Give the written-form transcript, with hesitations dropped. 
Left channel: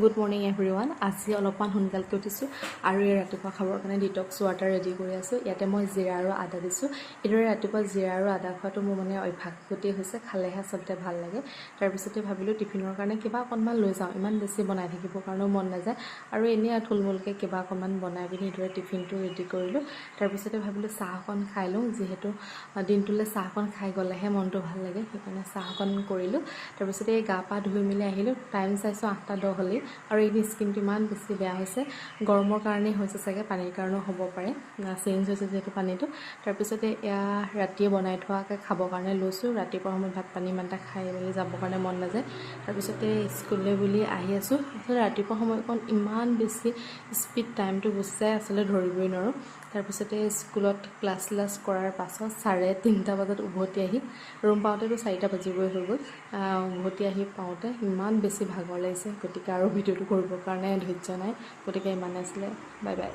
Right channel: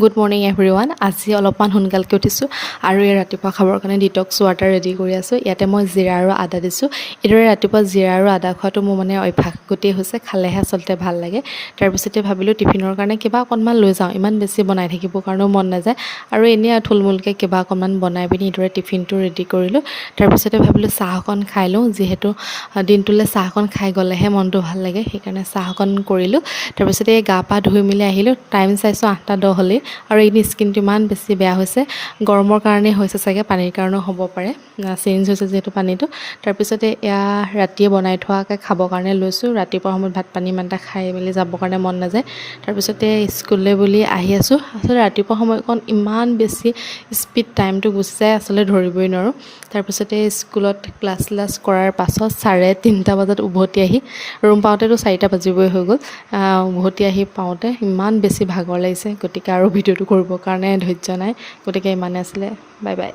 Good morning everyone. আজি অলপমান সোনকালকৈ উঠিছোঁ আৰু এই ৰাতিপুৱা খাবৰ কাৰণে ডিটক্স ৱাটাৰ ৰেডি কৰি আছোঁ। ইয়াতে মই জিৰা আৰু আদা দিছোঁ। এইদৰে ৰাতিপুৱা জিৰা আৰু আদা খোৱাটো মোৰ মানে অভ্যাস গোটেই হৈছে, খালেহে আচলতে ভাল লাগে। তাৰপিছতে ভাবিলোঁ টিফিনৰ কাৰণে কিবা অকণমান লৈ যাওঁ, ইমান বেছি বনাই থাকিবৰ কাৰণেও মন নাযায় আৰু এনেই থুলমূলকৈ কিবা অকণমান বনাই পিনি এইদৰে টিফিনটো ৰেডি কৰিলোঁ। তাৰপিছতে ভাবিলোঁ চাহ অকণ খাই লওঁ, যিহেতু দিনটোলৈ চাহ অকণ খাই গ'লেহে মনটো ভাল লাগে, সেইকাৰণে চাহ অকণ কৰিলোঁ। তাৰপিছতে এই গা পা ধুই মেলি আহিলোঁ, টাইম চাইছোঁ 8:10 হ'লেই। আৰু এই স্কিনটো ইমান বেছি বেয়া হৈছে, গৰমৰ কাৰণেই হৈছে চাগে, পানীৰ কাৰণেও হ'ব পাৰে, চেঞ্জ হৈছে যিহেতু পানীটো। তাৰপিছতে এয়া ৰাতিয়ে বনাই থোৱাকৈ খাবৰ কাৰণে লৈছোঁ। ৰাতিপুৱা সময়ত ভাত পানী ইমান এটা খাই মেলি যাবৰ কাৰণে মন নাযায়। তাৰপিছতে স্কুললৈ বুলি আহি আছোঁ। আচলতে ৰাতিপুৱা সময়কণ ইমান বেছি স্পীড টাইমটো গুচি যায়, আচলতে ধৰিবই নোৱাৰোঁ। তাৰপিছতে স্কুলত ক্লাছ কৰাৰ পাছত 3:30 বজাত উভতি আহি ৰুম পাওঁতেতো 4টা বাজিবই হৈ গ'ল। উভতি আহি পাওঁতে ইমান বেছি ভাগৰ লাগিছে, গতিকে আৰু ভিডিঅ'টো কৰিবৰ কাৰণে ধৈৰ্য নাই, গতিকে ইমানে আছিলে। Bye bye.